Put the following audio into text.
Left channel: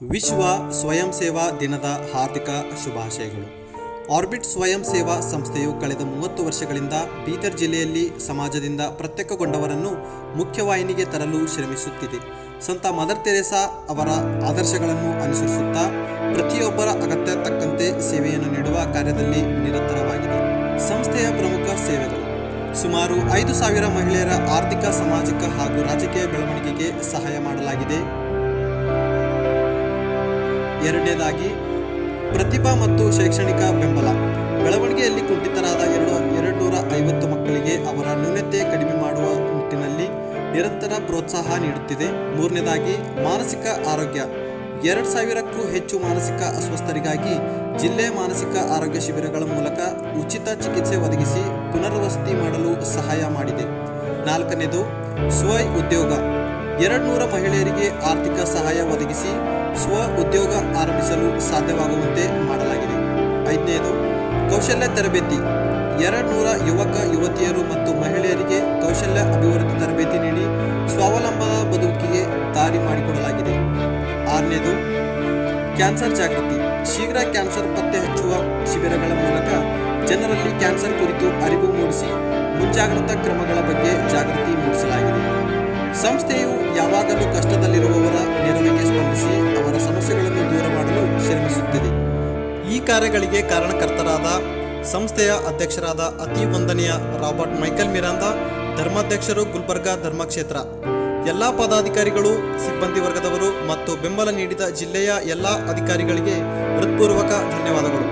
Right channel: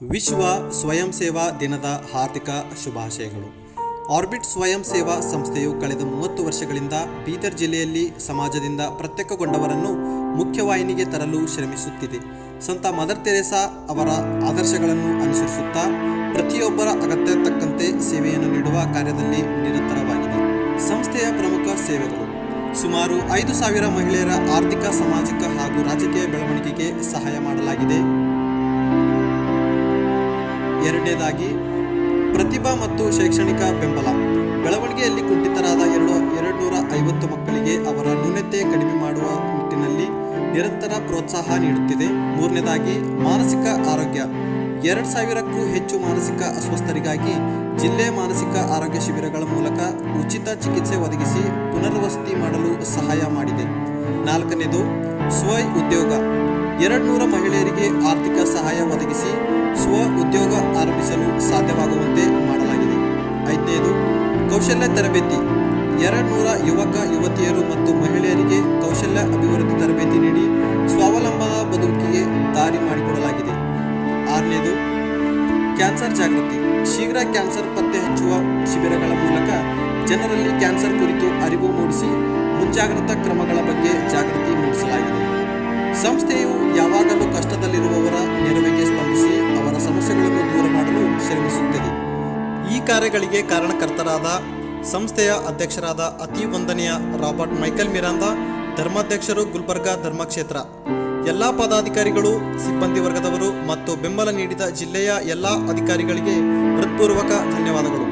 ವಿಶ್ವ ಸ್ವಯಂ ಸೇವಾ ದಿನದ ಹಾರ್ದಿಕ ಶುಭಾಶಯಗಳು. ಆರ್ಬಿಟ್ ಸ್ವಯಂ ಸೇವಾ ಸಂಸ್ಥೆಯು ಕಳೆದ 30 ವರ್ಷಗಳಿಂದ ಬೀದರ್ ಜಿಲ್ಲೆಯಲ್ಲಿ ಸಮಾಜದಿಂದ ಪ್ರತ್ಯೇಕಗೊಂಡವರನ್ನು ಮುಖ್ಯವಾಹಿನಿಗೆ ತರಲು ಶ್ರಮಿಸುತ್ತಿದೆ. ಸಂತ ಮದರ್ ತೆರೇಸಾ ಅವರ ಆದರ್ಶಗಳನ್ನು ಅನುಸರಿಸುತ್ತಾ ಪ್ರತಿಯೊಬ್ಬರ ಅಗತ್ಯ ತಕ್ಕಂತೆ ಸೇವೆಯನ್ನು ನೀಡುವ ಕಾರ್ಯದಲ್ಲಿ ನಿರತವಾಗಿದೆ. ಸಂಸ್ಥೆಯ ಪ್ರಮುಖ ಸೇವೆಗಳು: ಸುಮಾರು 5,000 ಮಹಿಳೆಯರ ಆರ್ಥಿಕ, ಸಾಮಾಜಿಕ ಹಾಗೂ ರಾಜಕೀಯ ಬೆಳವಣಿಗೆಗೆ ಸಹಾಯ ಮಾಡಲಾಗಿದೆ. ಎರಡನೇದಾಗಿ, ಪ್ರತಿಭಾ ಮತ್ತು ಶೈಕ್ಷಣಿಕ ಬೆಂಬಲ. ಬೆಳವಣಿಗೆಯಲ್ಲಿ ಕುಂಠಿತರಾದ 250 ಮಕ್ಕಳಿಗೆ ಅವರ ನ್ಯೂನತೆ ಕಡಿಮೆ ಮಾಡುವ ನಿಟ್ಟಿನಲ್ಲಿ ನಿರಂತರ ಪ್ರೋತ್ಸಾಹ ನೀಡುತ್ತಿದೆ. ಮೂರನೇದಾಗಿ, ಮಾನಸಿಕ ಆರೋಗ್ಯ. 2,000ಕ್ಕೂ ಹೆಚ್ಚು ಮಾನಸಿಕ ಅಸ್ವಸ್ಥರಿಗಾಗಿ ಜಿಲ್ಲೆ ಮಾನಸಿಕ ಆರೋಗ್ಯ ಶಿಬಿರಗಳ ಮೂಲಕ ಉಚಿತ ಚಿಕಿತ್ಸೆ ಒದಗಿಸಿ ಪುನರ್ವಸತಿ ಮಾಡಲು ಸಹಾಯ ಮಾಡಿದೆ. ನಾಲ್ಕನೇದು, ಸ್ವ ಉದ್ಯೋಗ. 200 ಮಹಿಳೆಯರಿಗೆ ಆರ್ಥಿಕ ಸಹಾಯ ಒದಗಿಸಿ ಸ್ವ ಉದ್ಯೋಗ ಆರಂಭಿಸಲು ಸಾಧ್ಯವಾಗುವಂತೆ ಮಾಡಲಾಗಿದೆ. ಐದನೇದು, ಕೌಶಲ್ಯ ತರಬೇತಿ. 200 ಯುವಕ ಯುವತಿಯರು ಮತ್ತು ಮಹಿಳೆಯರಿಗೆ ಕೌಶಲ್ಯ ಅಭಿವೃದ್ಧಿ ತರಬೇತಿ ನೀಡಿ ಸ್ವಾವಲಂಬನ ಬದುಕಿಗೆ ದಾರಿ ಮಾಡಿಕೊಡಲಾಗಿದೆ. ಆರನೇದು, ಕ್ಯಾನ್ಸರ್ ಜಾಗೃತಿ. ಶೀಘ್ರ ಕ್ಯಾನ್ಸರ್ ಪತ್ತೆ ಹಚ್ಚುವ ಶಿಬಿರಗಳ ಮೂಲಕ ಜನರಲ್ಲಿ ಕ್ಯಾನ್ಸರ್ ಕುರಿತು ಅರಿವು ಮೂಡಿಸಿ ಮುಂಜಾಗ್ರತಾ ಕ್ರಮಗಳ ಬಗ್ಗೆ ಜಾಗೃತಿ ಮೂಡಿಸಲಾಗಿದೆ. ಸಂಸ್ಥೆಯು ಯಾವಾಗಲೂ ಕಷ್ಟದಲ್ಲಿರುವವರ ನೆರವಿಗೆ ಸ್ಪಂದಿಸಿ ಅವರ ಸಮಸ್ಯೆಗಳನ್ನು ದೂರ ಮಾಡಲು ಶ್ರಮಿಸುತ್ತದೆ. ಈ ಕಾರ್ಯಗಳಿಗೆ ಕಾರಣಕರ್ತರಾದ ಸಂಸ್ಥೆಯ ಅಧ್ಯಕ್ಷರಾದ ಅತಿ ವಂದನೀಯ ರಾಬರ್ಟ್ ಮೈಕಲ್ ಮಿರಾಂದಾ, ಧರ್ಮಾಧ್ಯಕ್ಷರು, ಗುಲ್ಬರ್ಗಾ ಧರ್ಮಕ್ಷೇತ್ರ, ಎಲ್ಲ ಪದಾಧಿಕಾರಿಗಳು, ಸಿಬ್ಬಂದಿ ವರ್ಗದವರು ಮತ್ತು ಬೆಂಬಲ ನೀಡಿದ ಜಿಲ್ಲೆಯ ಎಲ್ಲ ಅಧಿಕಾರಿಗಳಿಗೆ ಹೃತ್ಪೂರ್ವಕ ಧನ್ಯವಾದಗಳು.